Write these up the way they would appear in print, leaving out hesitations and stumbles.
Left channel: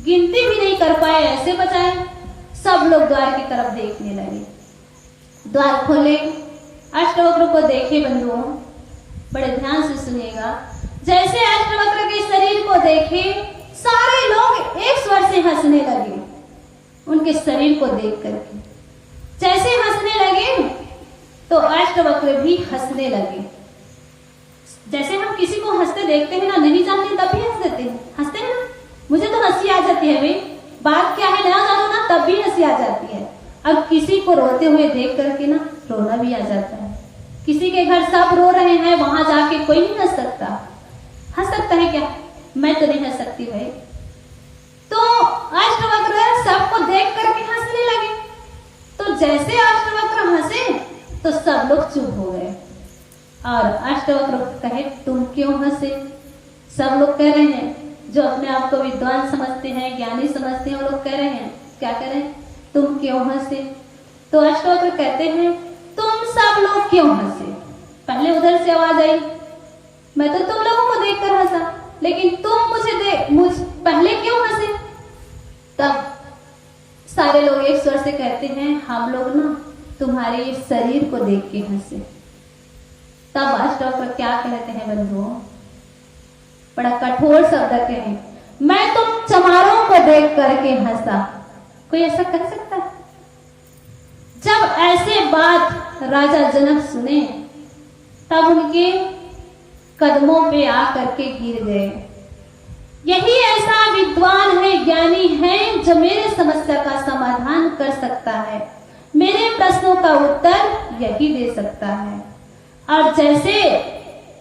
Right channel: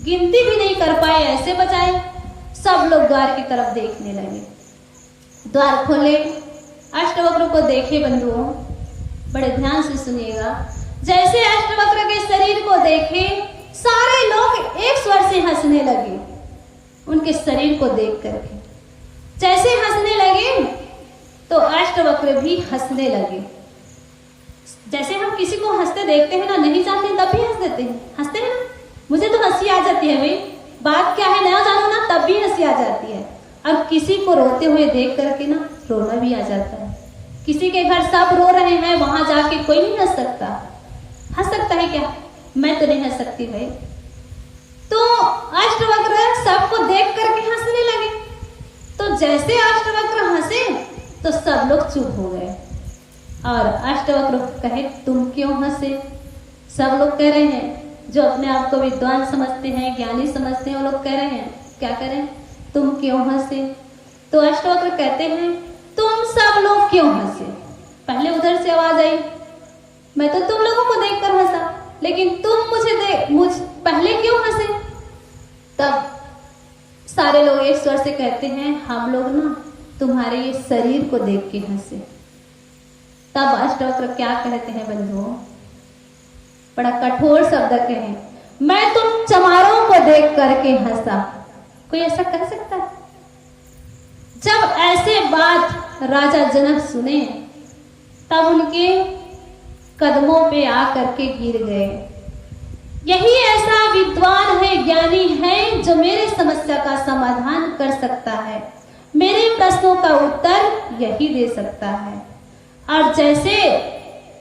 गिनती भी नहीं कर पाए, ऐसे बचाए। सब लोग द्वार की तरफ देखने लगे। द्वार खोले, अष्टवक्र को देखे बंधुओं, बड़े ध्यान से सुनिएगा। जैसे अष्टवक्र के शरीर को देखे, सारे लोग एक स्वर से हंसने लगे उनके शरीर को देख करके। जैसे हंसने लगे तो अष्टवक्र भी हंसने लगे। जैसे हम किसी को हंसते देखते हैं ना, नहीं जानते तब भी हंस देते हैं, हंसते हैं ना। मुझे तो हंसी आ जाती है भाई, बात क्या है नया जानो ना, तब भी हंसी आ जाती है। अब किसी को रोते हुए देख करके ना रोना भी आ जाता है। किसी के घर सब रो रहे हैं, वहां जाके कोई नहीं हंस सकता। हंस सकता है क्या? मैं तो नहीं हंस सकती भाई। तो अष्टवक्र सबको देख करके हंसने लगे। तो जैसे अष्टवक्र हंसे तो सब लोग चुप हो गए और अष्टवक्र कहे, तुम क्यों हंसे? सब लोग कह रहे हैं, जो अपने आप को विद्वान समझते हैं, ज्ञानी समझते हैं, वो लोग कह रहे हैं, क्या कह रहे हैं? तुम क्यों हंसे? तो अष्टवक्र कहते हैं, तुम सब लोग क्यों हंसे? पहले उधर से आवाज आई, मैं तो तुम लोगों को देखकर हंसा, लेकिन तुम मुझ पहले क्यों हंसे? तब सारे लोग एक स्वर से कहते हैं, हम लोग ना तुम्हारे ये शरीर को देख के हंसे। तब अष्टवक्र क्या कहते हैं बंधुओं, बड़ा कठोर शब्द कहे, मैं तुम चमारों को देख करके हंसा। कोई ऐसा कर सकता है? जब ऐसे बात राजा जनक सुने तब उनके कदमों पे आकर के गिर गए। यही ऐसा विद्वान है, ज्ञानी है, जो मेरे समस्या का समाधान कर सकता है, मेरे प्रश्नों का उत्तर यही दे सकता है। और जैसे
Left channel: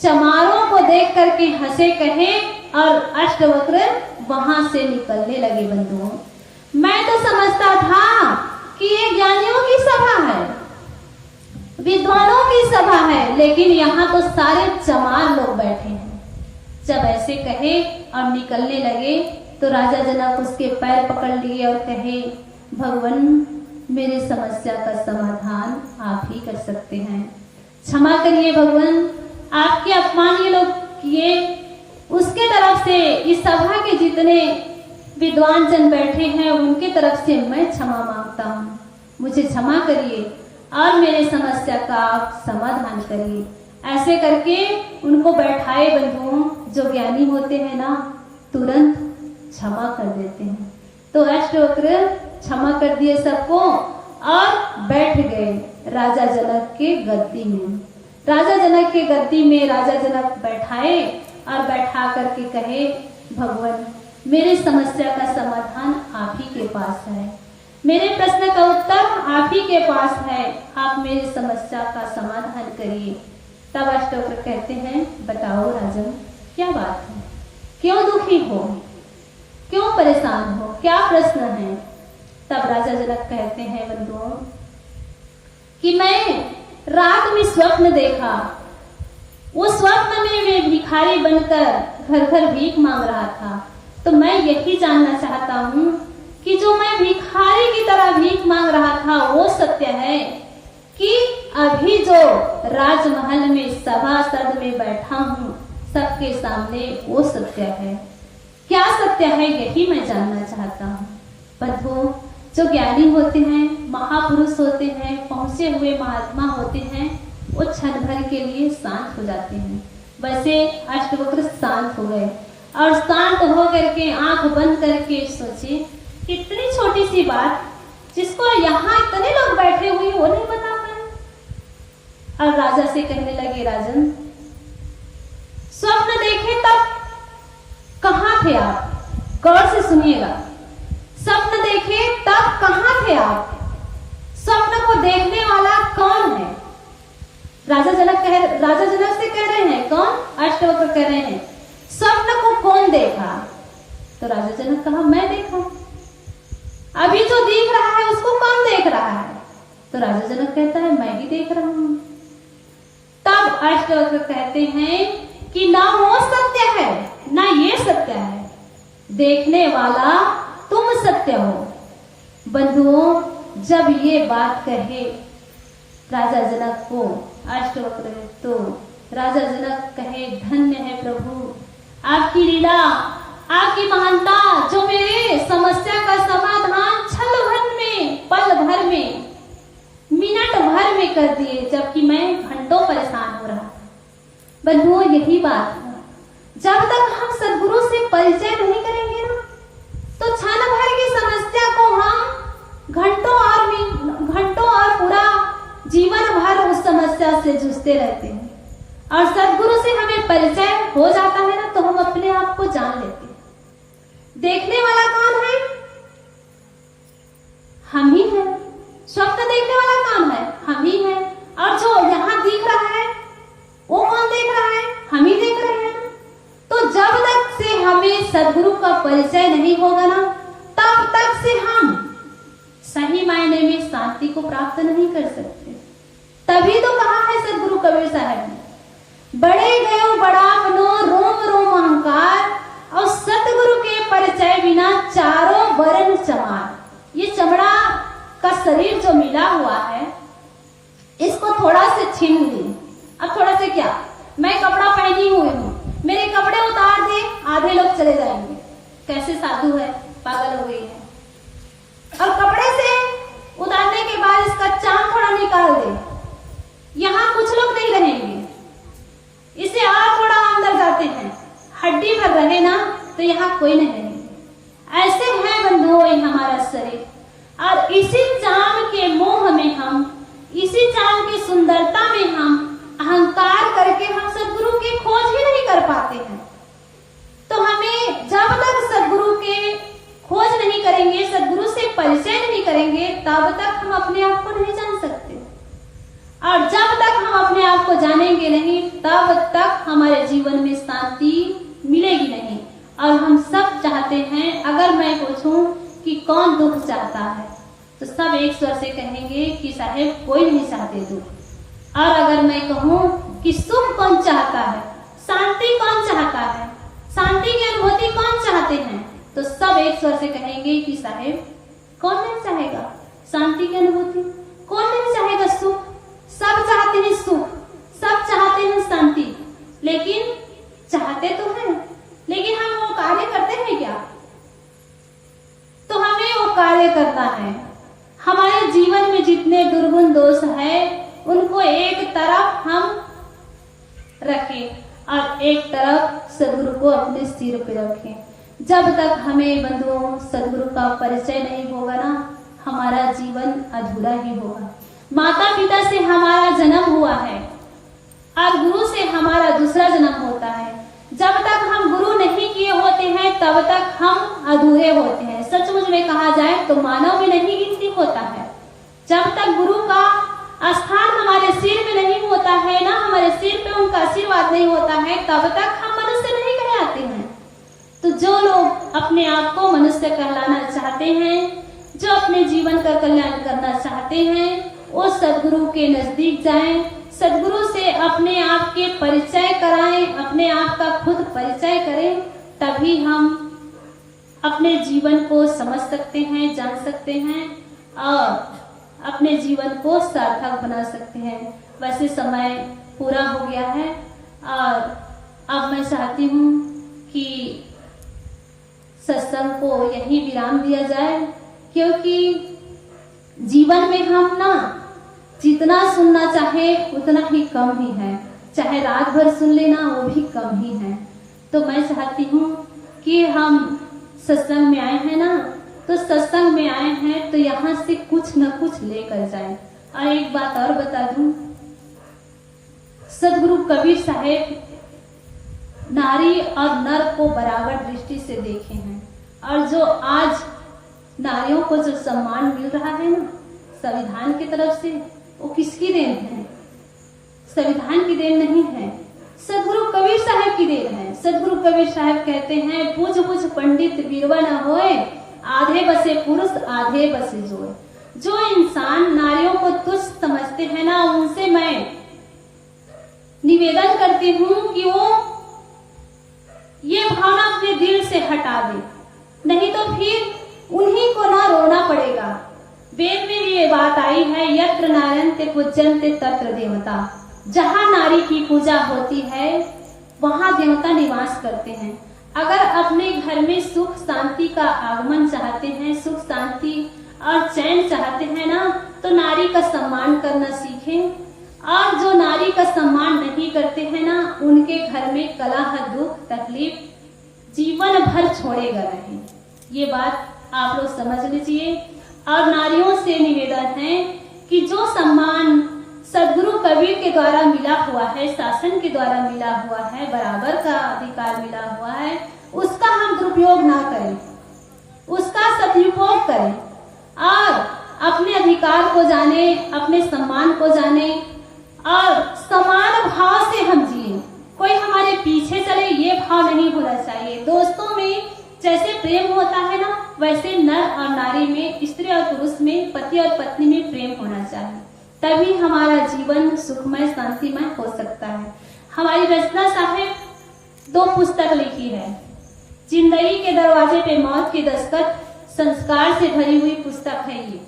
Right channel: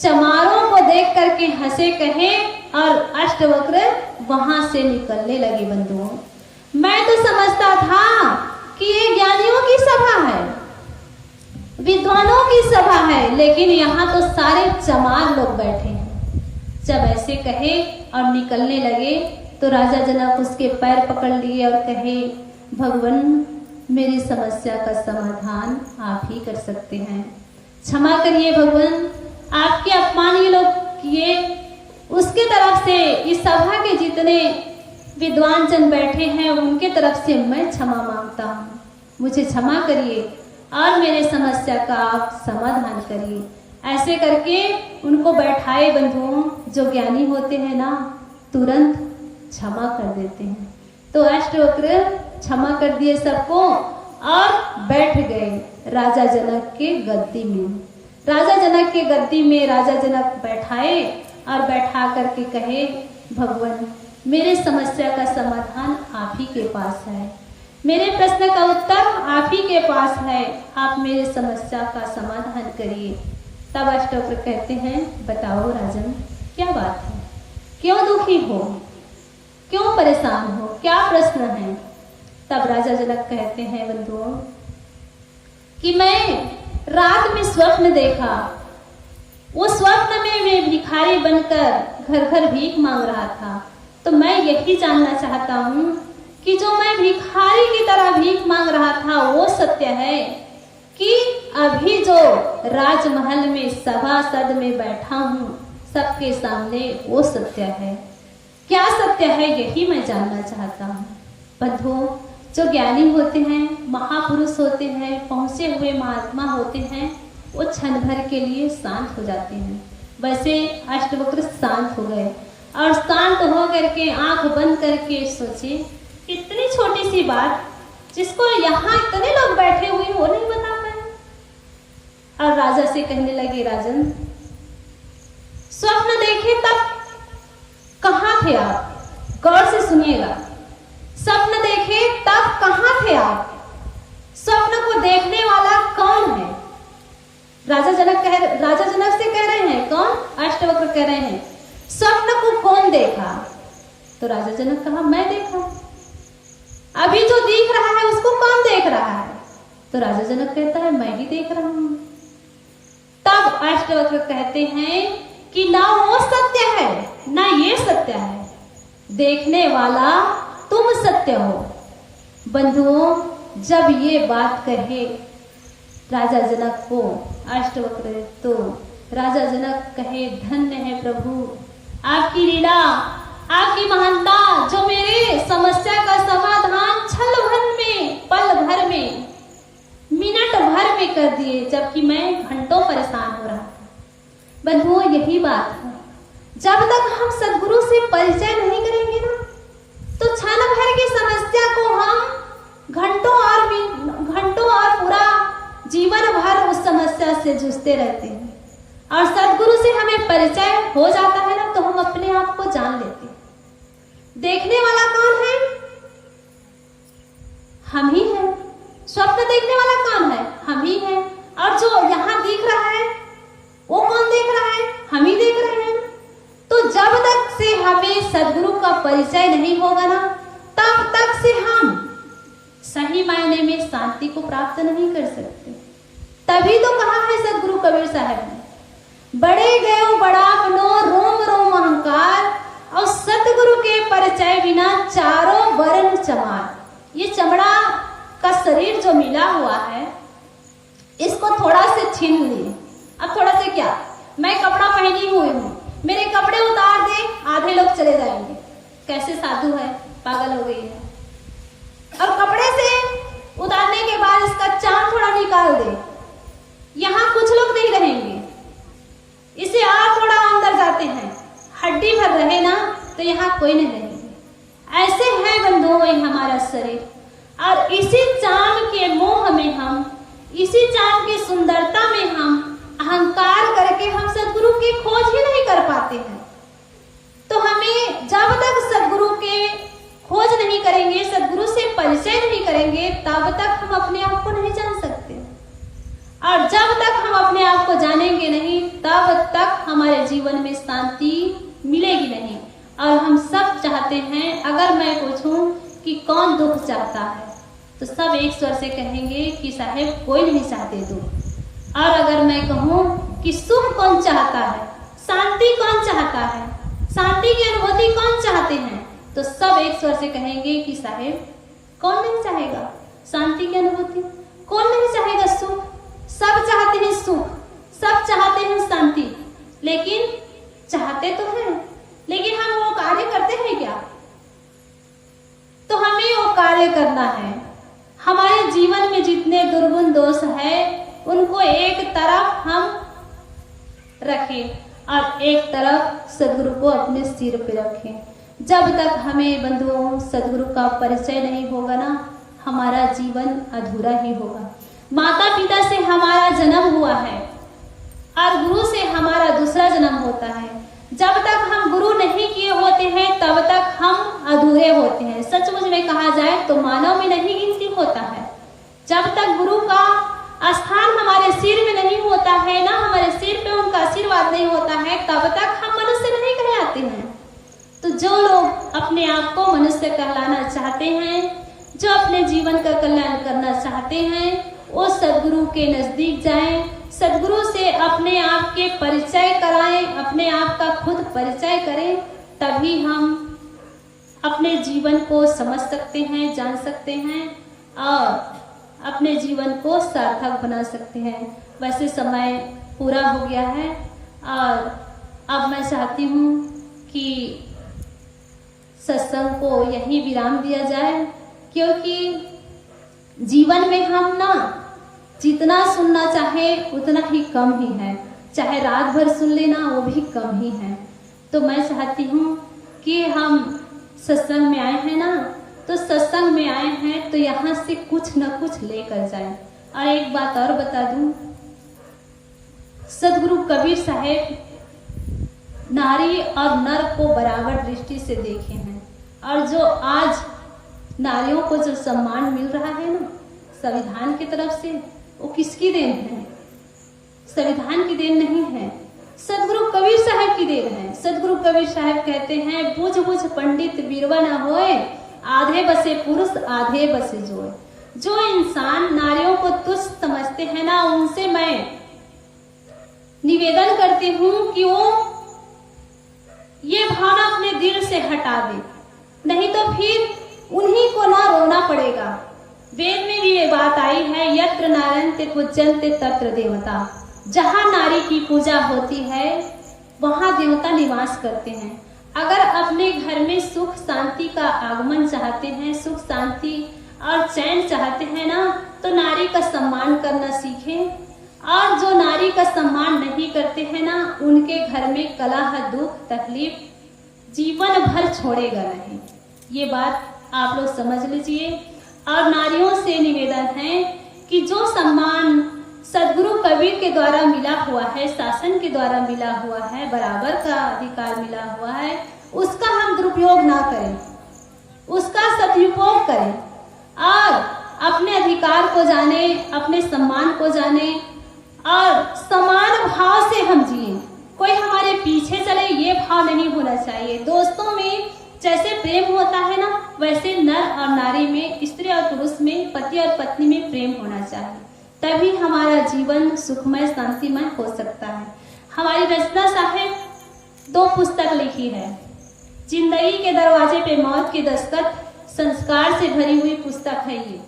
चमारों को देख करके हंसे कहे और अष्टवक्र वहां से निकलने लगे। बंधुओं, मैं तो समझता था कि ये ज्ञानियों की सभा है, विद्वानों की सभा है, लेकिन यहाँ तो सारे चमार लोग बैठे हैं। जब ऐसे कहे और निकलने लगे तो राजा जनक उसके पैर पकड़ लिए और कहे, भगवान मेरी समस्या का समाधान आप ही कर सकते हैं, क्षमा करिए भगवान, आपके अपमान ये लोग किए, उसके तरफ से इस सभा के जितने विद्वान जन बैठे हैं उनके तरफ से मैं क्षमा मांगता हूँ, मुझे क्षमा करिए और मेरे समस्या का आप समाधान करिए। ऐसे करके उनको बैठाए। बंधुओं, जो ज्ञानी होते हैं ना तुरंत क्षमा कर देते हैं। तो अष्टवक्र क्षमा कर दिए सबको और बैठ गए राजा जनक के गद्दी में। राजा जनक के गद्दी में राजा जनक बैठाए और बैठा करके कहे, भगवान मेरे समस्या का समाधान आप ही के पास है, मेरे प्रश्न का उत्तर आप ही के पास है, आप मेरे समस्या का समाधान करिए। तब अष्टवक्र कहते हैं, बताओ राजन क्या बात है, क्यों दुखी हो, क्यों परेशान हो, क्या प्रश्न है? तब राजा जनक कहते हैं बंधुओं कि मैं रात में स्वप्न देखा, वो स्वप्न में मैं भिखारी बनकर घर घर भीख मांग रहा था। तो मैं यही जानना चाहता हूँ कि जो मैं भिखारी की तरह भीख मांग रहा था वो सत्य है कि अभी जो राजमहल में सभासद में बैठा हूँ सबके सामने वो सत्य है? क्या सत्य है यही मैं जानना चाहता हूँ। बंधुओं, जो ज्ञानी होते हैं, महापुरुष होते हैं, पहुंचे हुए महात्मा होते हैं, वो क्षण भर के लिए शांत हो जाते हैं। वैसे अष्टवक्र शांत हो गए और शांत हो करके आंख बंद करके सोचे, इतनी छोटी सी बात जिसको यहाँ इतने लोग बैठे हुए वो नहीं बता पाए। और राजा से कहने लगे, राजन स्वप्न देखे तब कहाँ थे आप? गौर से सुनिएगा, स्वप्न देखे तब कहाँ थे आप? स्वप्न को देखने वाला कौन है? राजा जनक से कह रहे हैं, कौन? अष्टवक्र कह रहे हैं, स्वप्न को कौन देखा? तो राजा जनक कहा, मैं देखा। अभी जो देख रहा है उसको कौन देख रहा है? तो राजा जनक कहता है, मैं ही देख रहा हूं। तब अष्टवक्र कहते हैं कि ना वो सत्य है ना ये सत्य है, देखने वाला तुम सत्य हो। बंधुओं, जब ये बात कहे राजा जनक को अष्टवक्र, तो राजा जनक कहे, धन्य है प्रभु आपकी लीला, आपकी महानता, जो मेरे कर दिए, जबकि मैं घंटों परेशान हो रहा। बंधुओं, यही बात है, जब तक हम सदगुरु से परिचय नहीं करेंगे ना, तो क्षण भर की समस्या को हम घंटों और पूरा जीवन भर उस समस्या से जूझते रहते हैं। और सदगुरु से हमें परिचय हो जाता है ना, तो हम अपने आप को जान लेते हैं। देखने वाला कौन है? हम ही हैं। स्वप्न देखने वाला कौन है? हम ही हैं। और जो यहाँ दिख रहा है वो कौन देख रहा है? हम ही देख रहे हैं। तो जब तक से हमें सदगुरु का परिचय नहीं होगा ना, तब तक से हम सही मायने में शांति को प्राप्त नहीं कर सकते। तभी तो कहा है सदगुरु कबीर साहब ने, बड़े गयो बड़ा मनो रोम रोम अहंकार, और सतगुरु के परिचय बिना चारों वर्ण चमार। ये चमड़ा का शरीर जो मिला हुआ है, इसको थोड़ा से छीन ली। अब थोड़ा से क्या, मैं कपड़ा पहनी हुई हूँ, मेरे कपड़े उतार दे, आधे लोग चले जाएंगे, कैसे साधु है, पागल हो गई है। और कपड़े से उतारने के बाद इसका चाम थोड़ा निकाल दे, यहाँ कुछ लोग नहीं रहेंगे। इसे और थोड़ा अंदर जाते हैं, हड्डी भर रहे ना, तो यहाँ कोई नहीं रहेंगे। ऐसे है बंधुओं ये हमारा शरीर, और इसी चाम के मोह में हम, इसी चाम की सुंदरता में हम अहंकार करके हम सदगुरु की खोज ही नहीं कर पाते हैं। तो हमें जब तक सदगुरु के खोज नहीं करेंगे, सदगुरु से परिचय नहीं करेंगे, तब तक हम अपने आप को नहीं जान सकते। और जब तक हम अपने आप को जानेंगे नहीं, तब तक हमारे जीवन में शांति मिलेगी नहीं। और हम सब चाहते हैं, अगर मैं पूछूं कि कौन दुख चाहता है, तो सब एक स्वर से कहेंगे कि साहेब कोई नहीं चाहते दुख। और अगर मैं कहूं कि सुख कौन चाहता है, शांति कौन चाहता है, शांति की अनुभूति कौन चाहते हैं, तो सब एक स्वर से कहेंगे कि साहेब कौन नहीं चाहेगा शांति की अनुभूति, कौन नहीं चाहेगा सुख। सब चाहते हैं सुख, सब चाहते हैं शांति, लेकिन चाहते तो हैं, लेकिन हम वो कार्य करते हैं क्या? तो हमें वो कार्य करना है। हमारे जीवन में जितने दुर्गुण दोष है, उनको एक तरफ हम रखें और एक तरफ सदगुरु को अपने सिर पे रखें। जब तक हमें बंधुओं सदगुरु का परिचय नहीं होगा ना, हमारा जीवन अधूरा ही होगा। माता पिता से हमारा जन्म हुआ है और गुरु से हमारा दूसरा जन्म होता है। जब तक हम गुरु नहीं किए होते हैं, तब तक हम अधूरे होते हैं। सचमुच में कहा जाए तो मानव में नहीं गिनती होता है। जब तक गुरु का स्थान हमारे सिर में नहीं होता है ना, हमारे सिर पे उनका आशीर्वाद नहीं होता है, तब तक हम मनुष्य नहीं कहलाते हैं। तो जो लोग अपने आप को मनुष्य कहलाना चाहते हैं, जो अपने जीवन का कल्याण करना चाहते हैं, वो सदगुरु के नजदीक जाएं, सदगुरु से अपने आप के परिचय कराएं, अपने आप का खुद परिचय करें। तभी हम अपने जीवन को समझ सकते हैं, जान सकते हैं और अपने जीवन को सार्थक बना सकते हैं। वैसे समय पूरा हो गया है और अब मैं चाहती हूँ कि सत्संग को यही विराम दिया जाए, क्योंकि जीवन में हम ना जितना सुनना चाहे उतना ही कम ही है। चाहे रात भर सुन लेना, वो भी कम ही है। तो मैं चाहती हूँ कि हम सत्संग में आए हैं ना, तो सत्संग में आए हैं तो यहाँ से कुछ न कुछ लेकर जाएं। और एक बात और बता दूं, सदगुरु कबीर साहेब नारी और नर को बराबर दृष्टि से देखे हैं। और जो आज नारियों को जो सम्मान मिल रहा है ना संविधान की तरफ से, वो किसकी देन है? संविधान की देन नहीं है, सदगुरु कबीर साहब की देन है। सदगुरु कबीर साहब कहते हैं, बुझ बुझ पंडित बीरवा न होए, आधे बसे पुरुष आधे बसे जोए। जो इंसान नारियों को तुच्छ समझते हैं ना, उनसे मैं निवेदन करती हूँ कि वो ये भावना अपने दिल से हटा दे, नहीं तो फिर उन्हीं को ना रोना पड़ेगा। वेद में भी ये बात आई है, यत्र नारायणते पूज्यन्ते तत्र देवता। जहाँ नारी की पूजा होती है वहाँ देवता निवास करते हैं। अगर अपने घर में सुख शांति का आगमन चाहते हैं, सुख शांति और चैन चाहते हैं ना, तो नारी का सम्मान करना सीखें। और जो नारी का सम्मान नहीं करते हैं ना, उनके घर में कलह, दुख, तकलीफ जीवन भर छोड़ेगा नहीं। ये बात आप लोग समझ लीजिए। और नारियों से निवेदन है कि जो सम्मान सदगुरु कबीर के द्वारा मिला हुआ है, शासन के द्वारा मिला हुआ है, बराबर का अधिकार मिला हुआ है, उसका हम दुरुपयोग ना करें, उसका सदुपयोग करें और अपने अधिकार को जाने, अपने सम्मान को जाने और समान भाव से हम जिए। कोई हमारे पीछे चले ये भाव नहीं होना चाहिए। दोस्तों में जैसे प्रेम होता है ना, वैसे नर और नारी में, स्त्री और पुरुष में, पति और पत्नी में प्रेम होना चाहिए। तभी हमारा जीवन सुखमय, शांतिमय हो सकता है। हमारी रचना साहब 2 पुस्तक लिखी है। जिंदगी के दरवाजे पे मौत की दस्तक, संस्कार से भरी हुई पुस्तक है ये।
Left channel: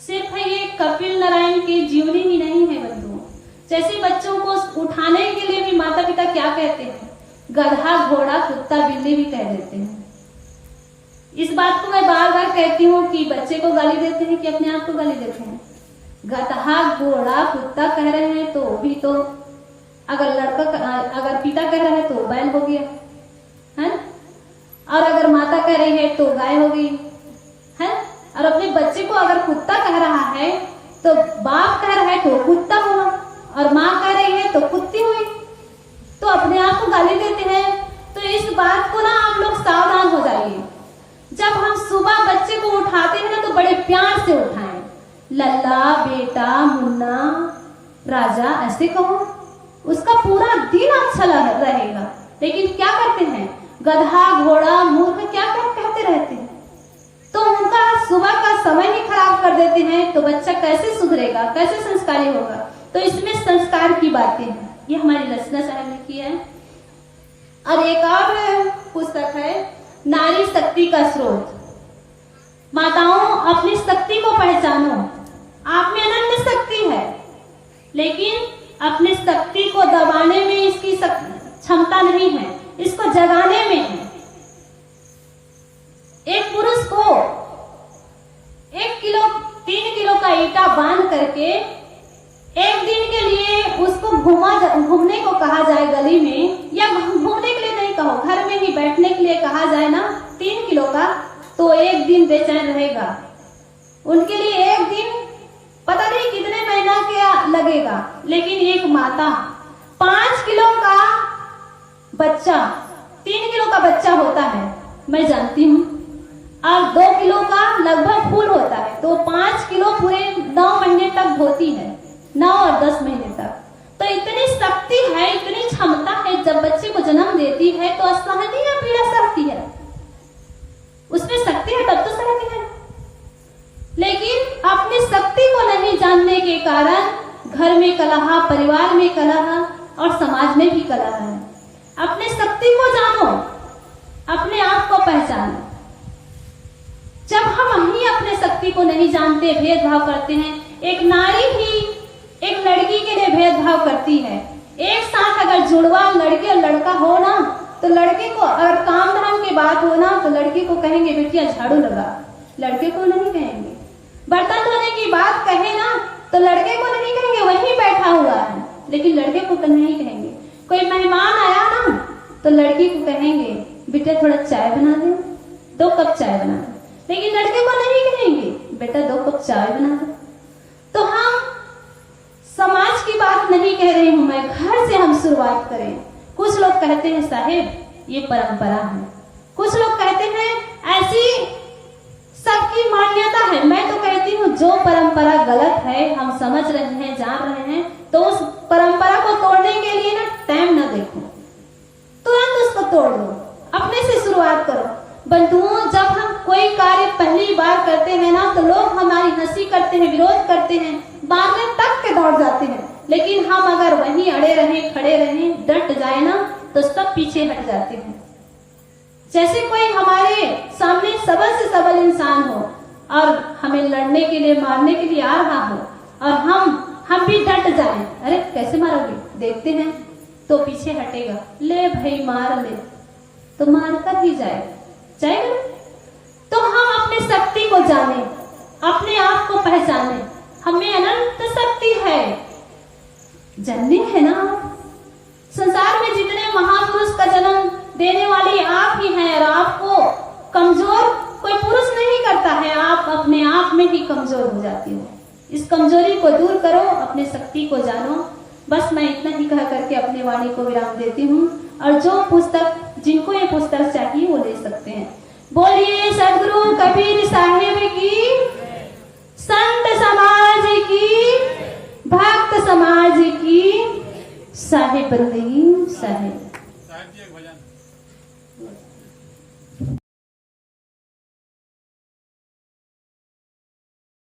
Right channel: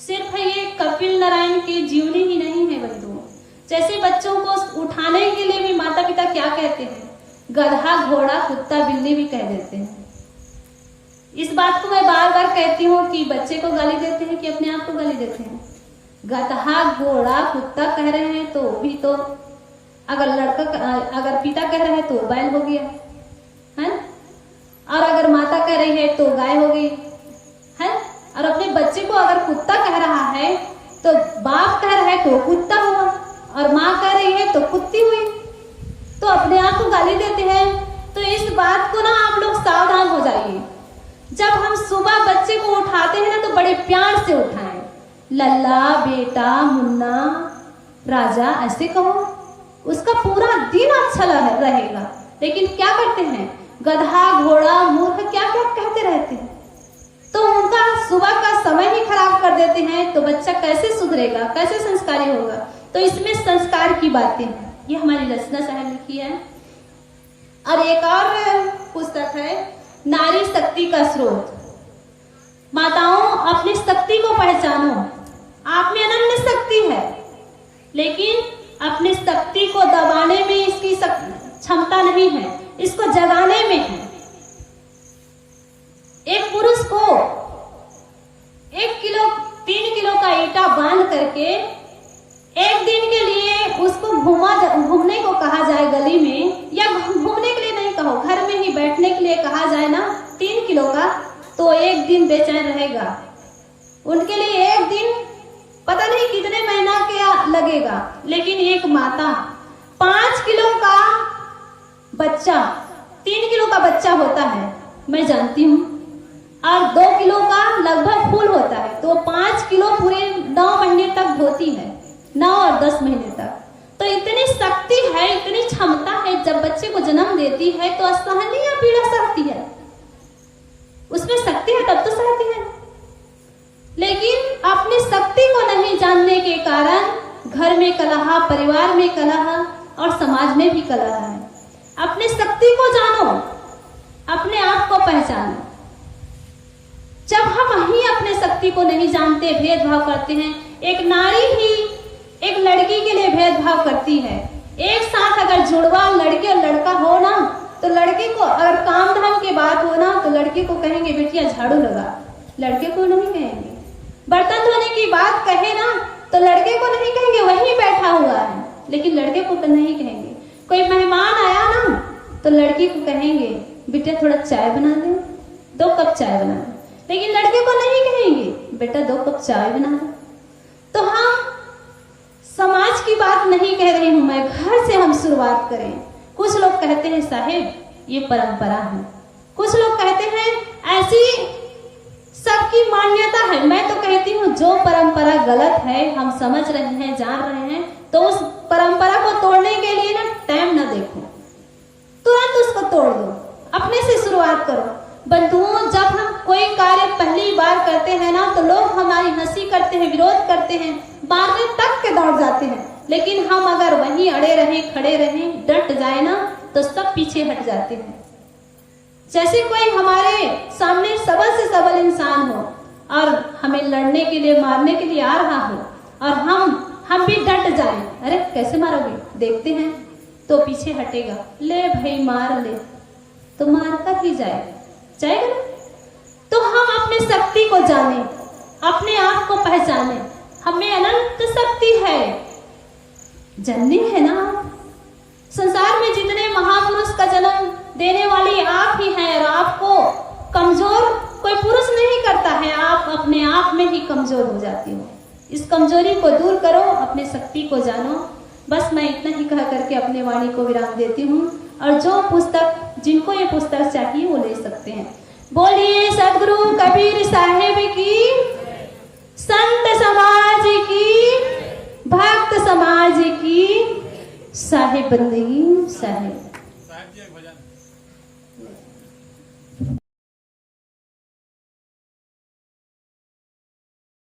सिर्फ ये कपिल नारायण की जीवनी ही नहीं है बंधुओं। जैसे बच्चों को उठाने के लिए भी माता पिता क्या कहते हैं? गधा, घोड़ा, कुत्ता, बिल्ली भी कह देते हैं। इस बात को मैं बार बार कहती हूँ कि बच्चे को गाली देते हैं कि अपने आप को गाली देते हैं। गधा, घोड़ा, कुत्ता कह रहे हैं तो भी तो अगर पिता कह रहे हैं तो बैल हो गया है, और अगर माता कह रही है तो गाय हो गई है। और अपने बच्चे को अगर कुत्ता कह रहा है तो बाप कह रहा है तो कुत्ता हुआ, और माँ कह रही है तो कुत्ती हुई। तो अपने आप को गाली देते हैं। तो इस बात को ना आप लोग सावधान हो जाइए। जब हम सुबह बच्चे को उठाते हैं ना, तो बड़े प्यार से उठाएं। लल्ला, बेटा, मुन्ना, राजा ऐसे कहो, उसका पूरा दिन अच्छा रहेगा। लेकिन क्या करते हैं? गधा, घोड़ा, मूर्ख, क्या क्या कहते रहते हैं। तो उनका सुबह का समय ही खराब कर देते हैं। तो बच्चा कैसे सुधरेगा, कैसे संस्कारी होगा? तो इसमें संस्कार की बातें हैं। ये हमारी रचना साहब ने की है। और एक और पुस्तक है नारी शक्ति का स्रोत। माताओं, अपनी शक्ति को पहचानो। आप में अनन्य शक्ति है, लेकिन अपनी शक्ति को दबाने में इसकी क्षमता नहीं है, इसको जगाने में है। एक पुरुष को 3 किलो का ईटा बांध करके एक दिन के लिए उसको घूमने को कहा जाए गली में, या घूमने के लिए नहीं कहो, घर में ही बैठने के लिए कहा जाए ना 3 किलो का, तो एक दिन बेचैन रहेगा। उनके लिए एक दिन पता नहीं कितने महीना क्या लगेगा। लेकिन एक माता 5 किलो का बच्चा, 3 किलो का बच्चा होता है, मैं जानती हूँ, और 2 किलो का लगभग फूल होता है, तो 5 किलो पूरे 9 महीने तक धोती है, 9 और 10 महीने तक। तो इतनी शक्ति है, इतनी क्षमता है। जब बच्चे को जन्म देती है तो असहनीय पीड़ा सहती है, उसमें शक्ति है तब तो सहती है। लेकिन अपनी शक्ति को नहीं जानने के कारण घर में कलह, परिवार में कलह और समाज में भी कलह है। अपने शक्ति को जानो, अपने आप को पहचानो। जब हम ही अपने शक्ति को नहीं जानते, भेदभाव करते हैं। एक नारी भी एक लड़की के लिए भेदभाव करती है। एक साथ अगर जुड़वा लड़के और लड़का हो ना, तो लड़के को अगर काम धाम की बात हो ना, तो लड़के को कहेंगे बेटिया झाड़ू लगा, लड़के को नहीं कहेंगे। बर्तन धोने की बात कहे ना, तो लड़के को नहीं कहेंगे वहीं बैठा हुआ है, लेकिन लड़के को तो नहीं कहेंगे। कोई मेहमान आया ना, तो लड़की को कहेंगे बेटा थोड़ा चाय बना दे, 2 कप चाय बना दे, लेकिन लड़के को नहीं कहेंगे बेटा 2 कप चाय बना दे। तो हम समाज की बात नहीं कह रही हूं मैं, घर से हम शुरुआत करें। कुछ लोग कहते हैं साहेब ये परंपरा है, कुछ लोग कहते हैं ऐसी सबकी मान्यता है। मैं तो कहती हूँ जो परंपरा गलत है, हम समझ रहे हैं, जान रहे हैं, तो उस परंपरा को तोड़ने के लिए ना टाइम न देखो, तुरंत उसको तोड़ दो, अपने से शुरुआत करो। बंधुओं, जब हम कोई कार्य पहली बार करते हैं ना, तो लोग हमारी हंसी करते हैं, विरोध करते हैं, बाद में तक के दौड़ जाते हैं। लेकिन हम अगर वहीं अड़े रहें, खड़े रहें, डट जाए ना, तो सब पीछे हट जाते हैं। जैसे कोई हमारे सामने सबल से सबल इंसान हो और हमें लड़ने के लिए, मारने के लिए आ रहा हो, और हम भी डट जाएं, अरे कैसे मारोगे, देखते हैं, तो पीछे हटेगा, ले भाई मार ले, तो मार कर ही जाएगा। तो हम अपने शक्ति को जाने, अपने आप को पहचाने, हमें अनंत शक्ति है, जननी है ना आप। संसार में जितने महापुरुष का जन्म देने वाली आप ही हैं, और आपको कमजोर कोई पुरुष नहीं करता है, आप अपने आप में ही कमजोर हो जाती हो। इस कमजोरी को दूर करो, अपने शक्ति को जानो। बस मैं इतना ही कह करके अपने वाणी को विराम देती हूँ। और जो पुस्तक, जिनको ये पुस्तक चाहिए वो ले सकते हैं। बोलिए सदगुरु कबीर साहेब की, संत समाज की, भक्त समाज की, साहेब बंदगी साहेब।